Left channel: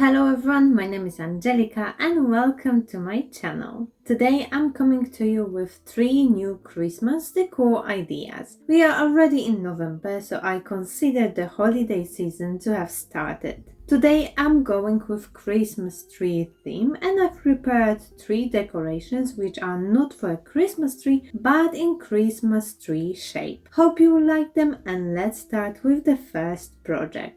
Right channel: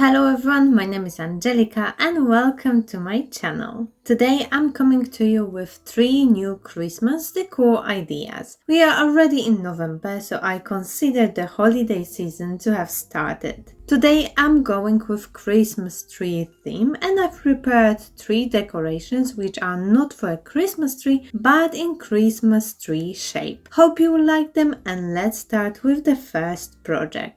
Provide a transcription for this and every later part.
Hello everyone, my name is Angelica and welcome to my channel. Today I'm coming to you with 3 new Christmas decor ideas. We are already in November, so I consider the holiday season to have started. Today I'm going with Christmas tree theme and I've prepared 3 decorations which are not for a Christmas tree but in Christmas tree shape. Hope you will like them and let's start with the first project.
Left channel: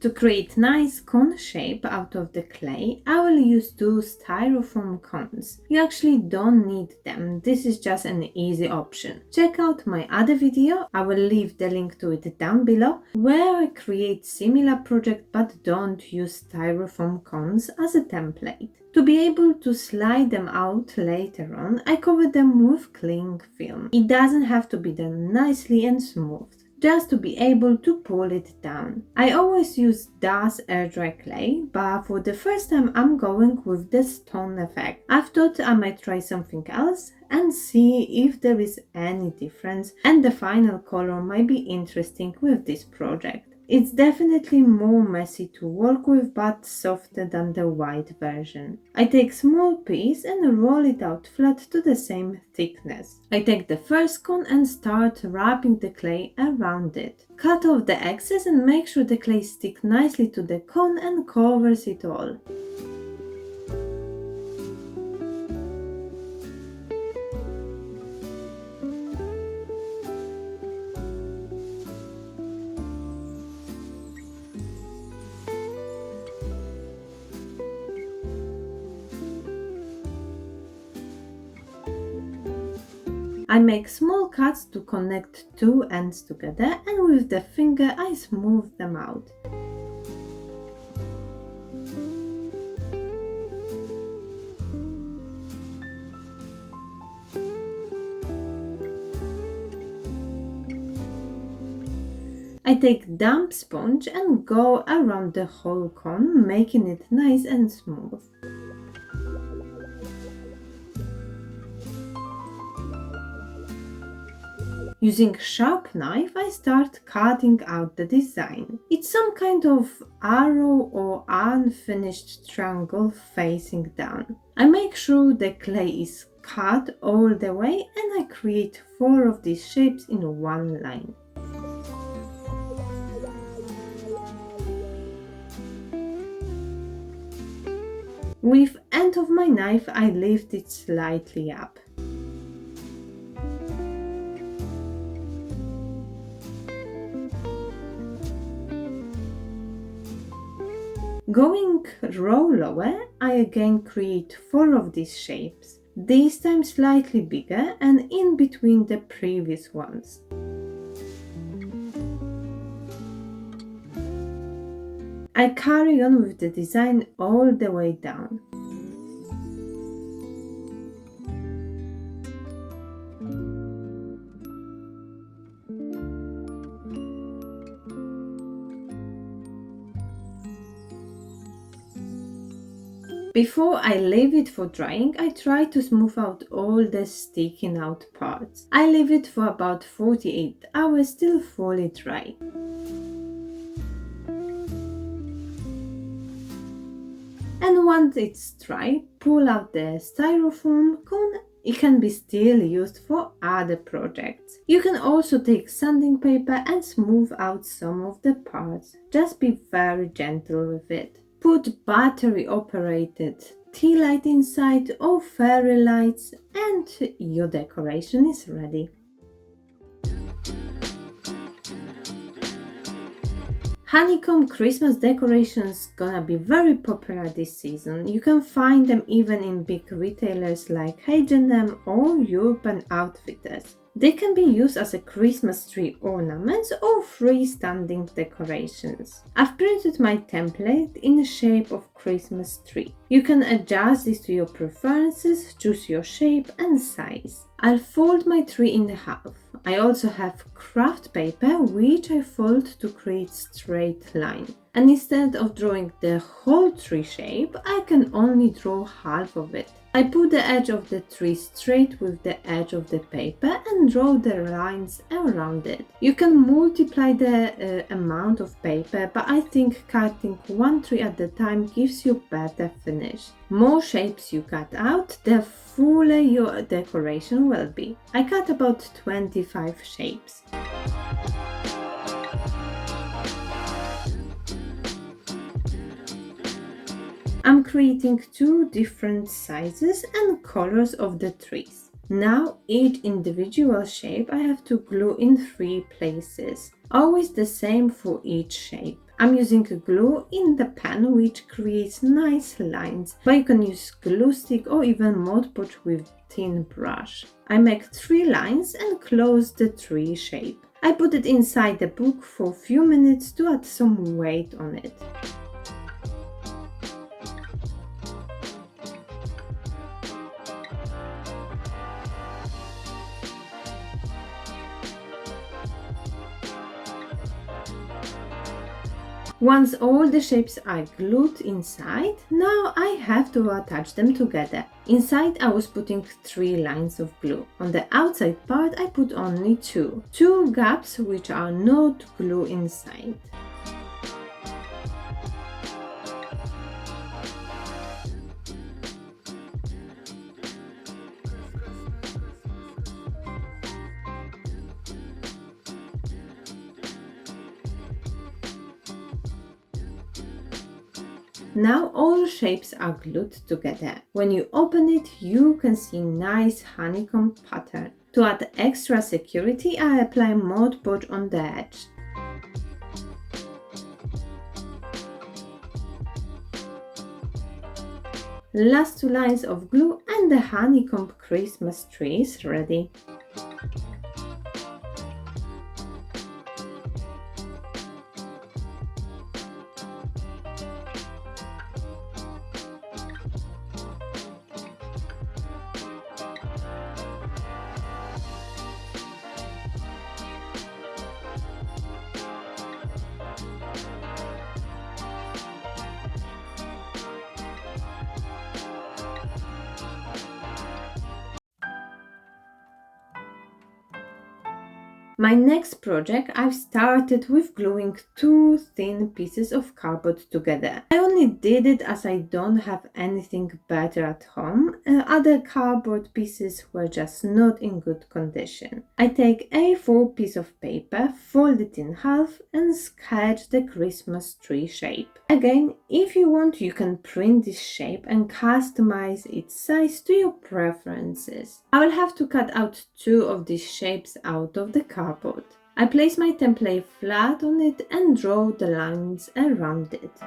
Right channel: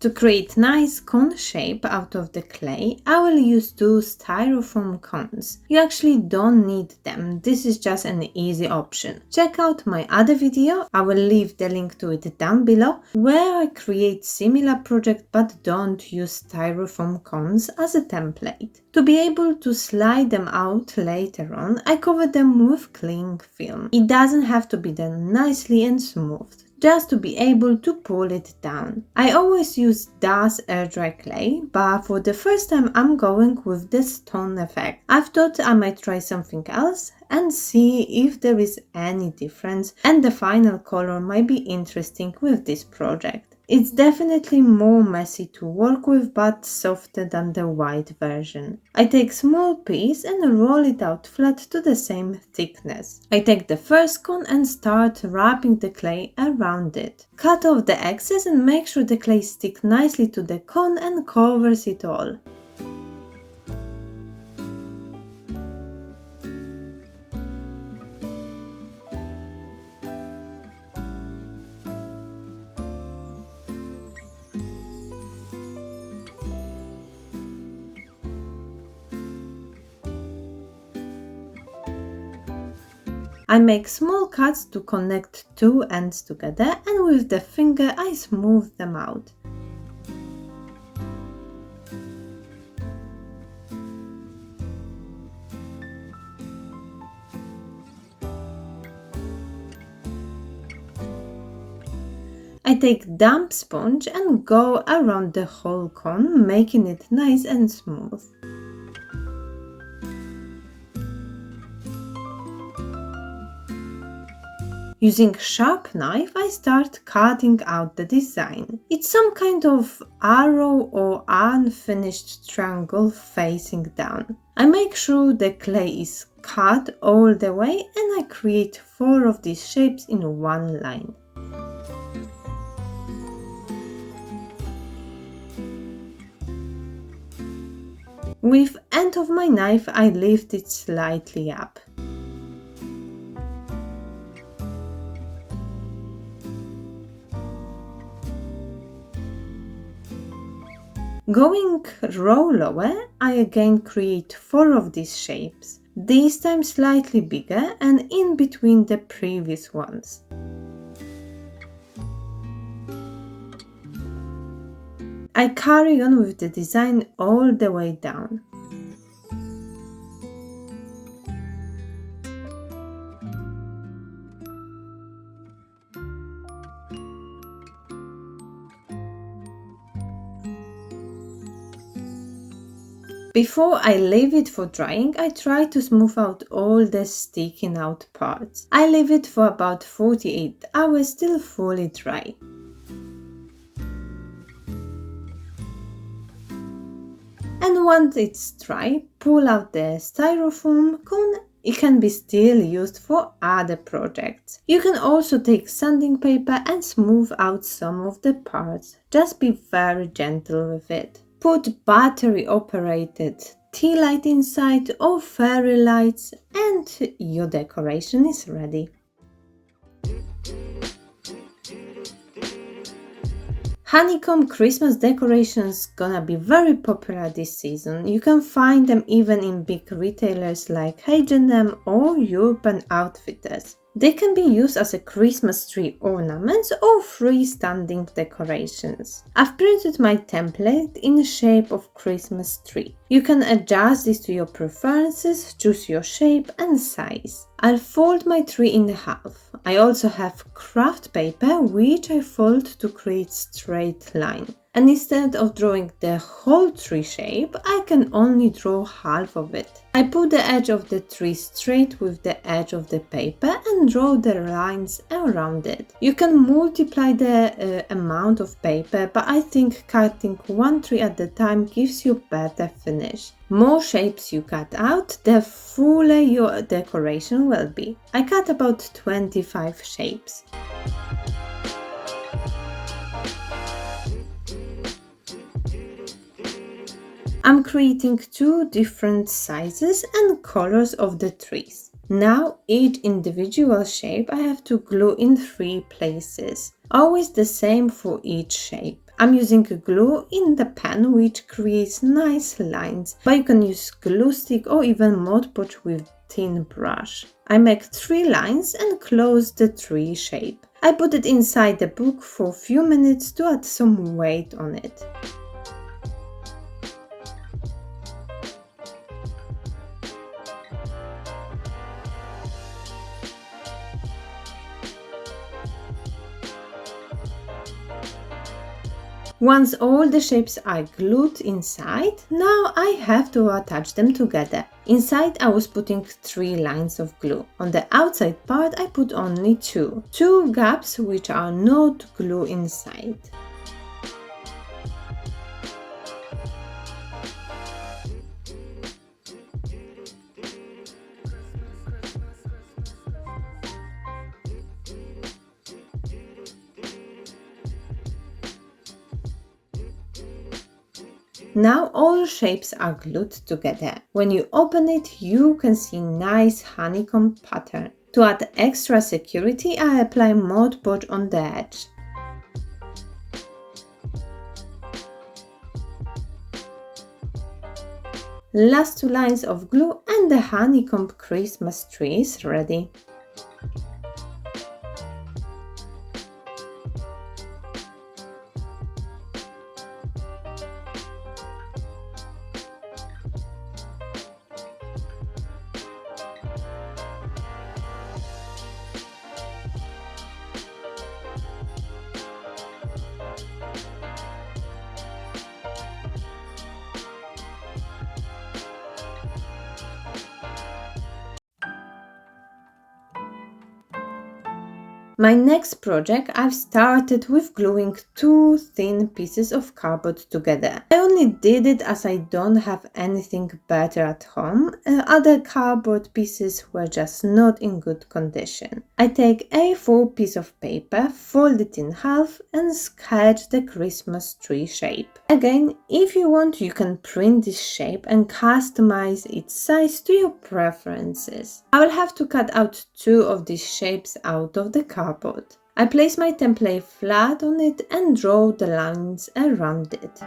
To create nice cone shape out of the clay, I will use 2 styrofoam cones. You actually don't need them, this is just an easy option. Check out my other video, I will leave the link to it down below, where I create similar project but don't use styrofoam cones as a template. To be able to slide them out later on, I cover them with cling film. It doesn't have to be done nicely and smooth, just to be able to pull it down. I always use DAS air dry clay, but for the first time I'm going with the stone effect. I've thought I might try something else and see if there is any difference, and the final color might be interesting with this project. It's definitely more messy to work with but softer than the white version. I take small piece and roll it out flat to the same thickness. I take the first cone and start wrapping the clay around it. Cut off the excess and make sure the clay sticks nicely to the cone and covers it all. I make small cuts to connect 2 ends together and with the finger I smooth them out. I take damp sponge and go around the whole cone, making it nice and smooth. Using sharp knife, I start cutting out the design. It's some kind of arrow or unfinished triangle facing down. I make sure the clay is cut all the way and I create 4 of these shapes in one line. With end of my knife, I lift it slightly up. Going row lower, I again create 4 of these shapes, this time slightly bigger and in between the previous ones. I carry on with the design all the way down. Before I leave it for drying, I try to smooth out all the sticking out parts. I leave it for about 48 hours till fully dry. And once it's dry, pull out the styrofoam cone. It can be still used for other projects. You can also take sanding paper and smooth out some of the parts. Just be very gentle with it. Put battery operated Tealight inside or fairy lights and your decoration is ready. Honeycomb Christmas decorations gonna be very popular this season. You can find them even in big retailers like H&M or Urban Outfitters. They can be used as a Christmas tree ornaments or freestanding decorations. I've printed my template in the shape of Christmas tree. You can adjust this to your preferences, choose your shape and size. I'll fold my tree in half. I also have craft paper which I fold to create straight line. And instead of drawing the whole tree shape, I can only draw half of it. I put the edge of the tree straight with the edge of the paper and draw the lines around it. You can multiply the amount of paper, but I think cutting one tree at a time gives you better finish. More shapes you cut out, the fuller your decoration will be. I cut about 25 shapes. I'm creating 2 different sizes and colors of the trees. Now each individual shape I have to glue in 3 places. Always the same for each shape. I'm using glue in the pen which creates nice lines, but you can use glue stick or even Mod Podge with thin brush. I make 3 lines and close the tree shape. I put it inside the book for a few minutes to add some weight on it. Once all the shapes are glued inside, now I have to attach them together. Inside I was putting 3 lines of glue. On the outside part I put only 2 gaps which are not glue inside. Now all shapes are glued together. When you open it, you can see nice honeycomb pattern. To add extra security, I apply Mod Podge on the edge. Last 2 lines of glue and the honeycomb Christmas tree is ready. My next project, I've started with gluing 2 thin pieces of cardboard together. I only did it as I don't have anything better at home. Other cardboard pieces were just not in good condition. I take a A4 piece of paper, fold it in half and sketch the Christmas tree shape. Again, if you want, you can print this shape and customize its size to your preferences. I will have to cut out 2 of these shapes out of the cardboard. I place my template flat on it and draw the lines around it.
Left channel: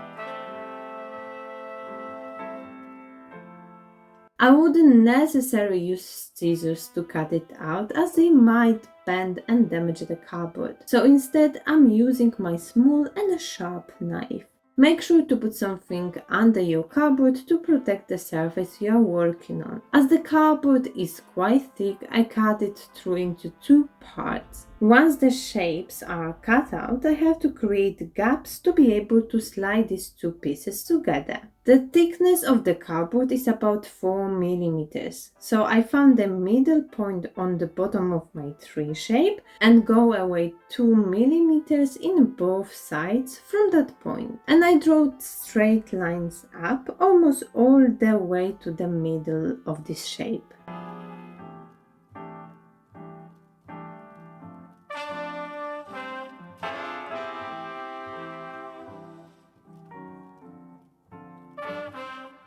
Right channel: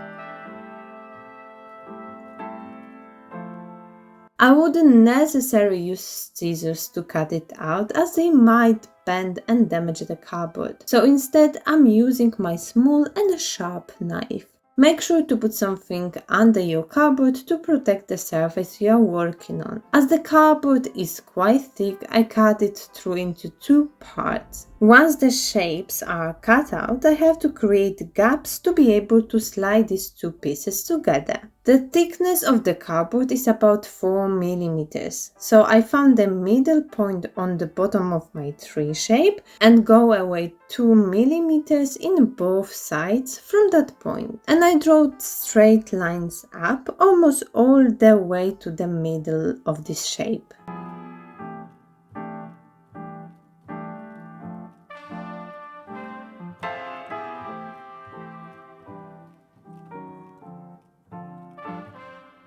I wouldn't necessarily use scissors to cut it out as they might bend and damage the cardboard. So instead I'm using my small and sharp knife. Make sure to put something under your cardboard to protect the surface you are working on. As the cardboard is quite thick, I cut it through into 2 parts. Once the shapes are cut out, I have to create gaps to be able to slide these 2 pieces together. The thickness of the cardboard is about 4 millimeters, so I found the middle point on the bottom of my tree shape and go away 2 millimeters in both sides from that point. And I draw straight lines up almost all the way to the middle of this shape.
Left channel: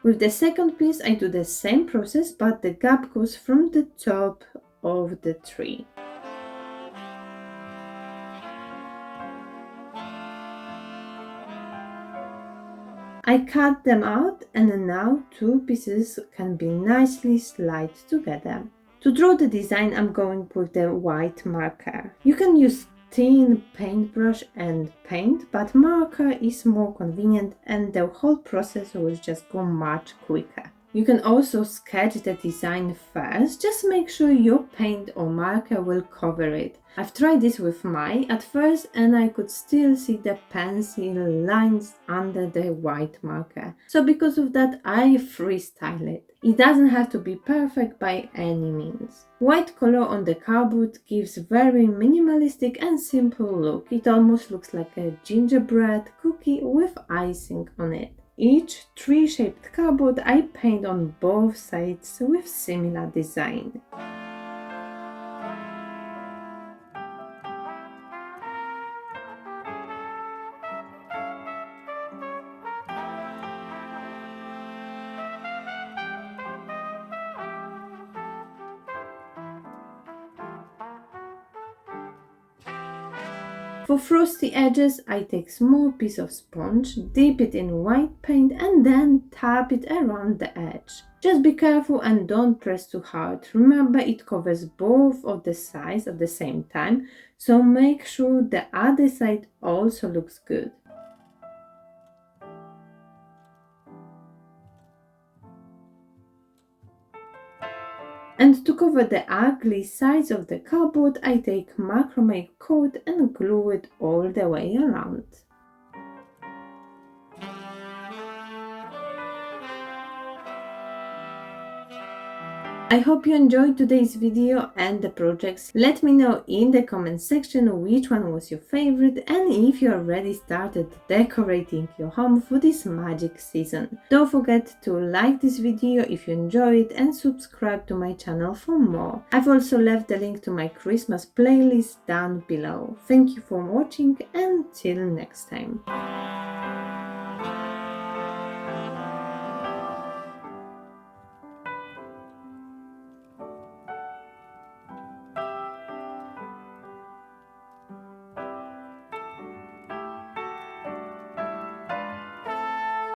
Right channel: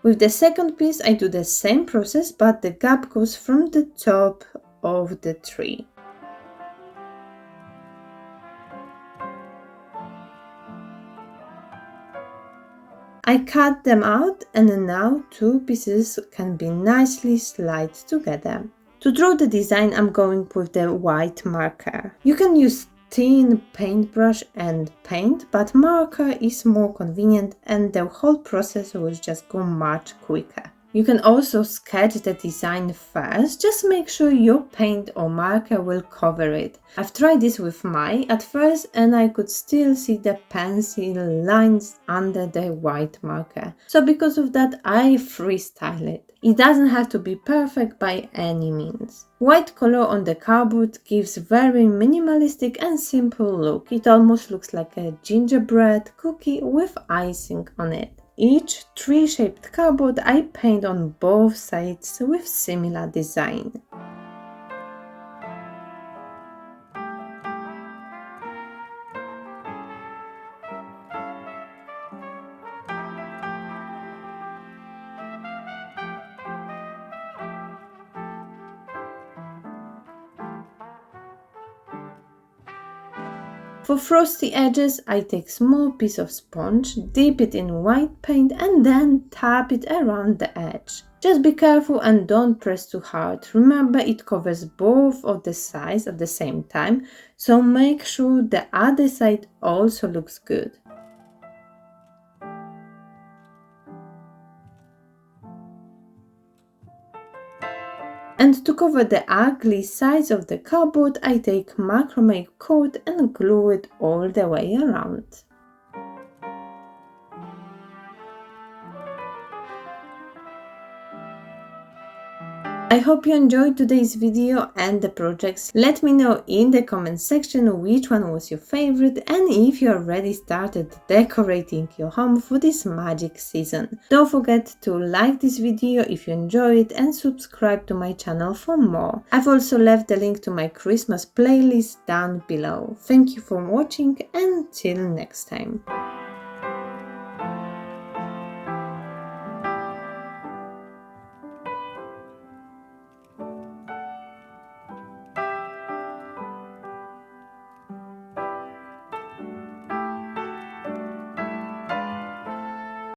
With the second piece I do the same process, but the gap goes from the top of the tree. I cut them out and now 2 pieces can be nicely slid together. To draw the design I'm going with the white marker. You can use thin paintbrush and paint, but marker is more convenient and the whole process will just go much quicker. You can also sketch the design first, just make sure your paint or marker will cover it. I've tried this with mine at first and I could still see the pencil lines under the white marker. So because of that, I freestyle it. It doesn't have to be perfect by any means. White color on the cardboard gives very minimalistic and simple look. It almost looks like a gingerbread cookie with icing on it. Each tree-shaped cardboard I paint on both sides with similar design. For frosty edges, I take small piece of sponge, dip it in white paint and then tap it around the edge. Just be careful and don't press too hard. Remember, it covers both of the sides at the same time, so make sure the other side also looks good. And to cover the ugly sides of the cardboard, I take macrame cord and glue it all the way around. I hope you enjoyed today's video and the projects. Let me know in the comment section which one was your favorite and if you already started decorating your home for this magic season. Don't forget to like this video if you enjoyed it and subscribe to my channel for more. I've also left the link to my Christmas playlist down below. Thank you for watching and till next time.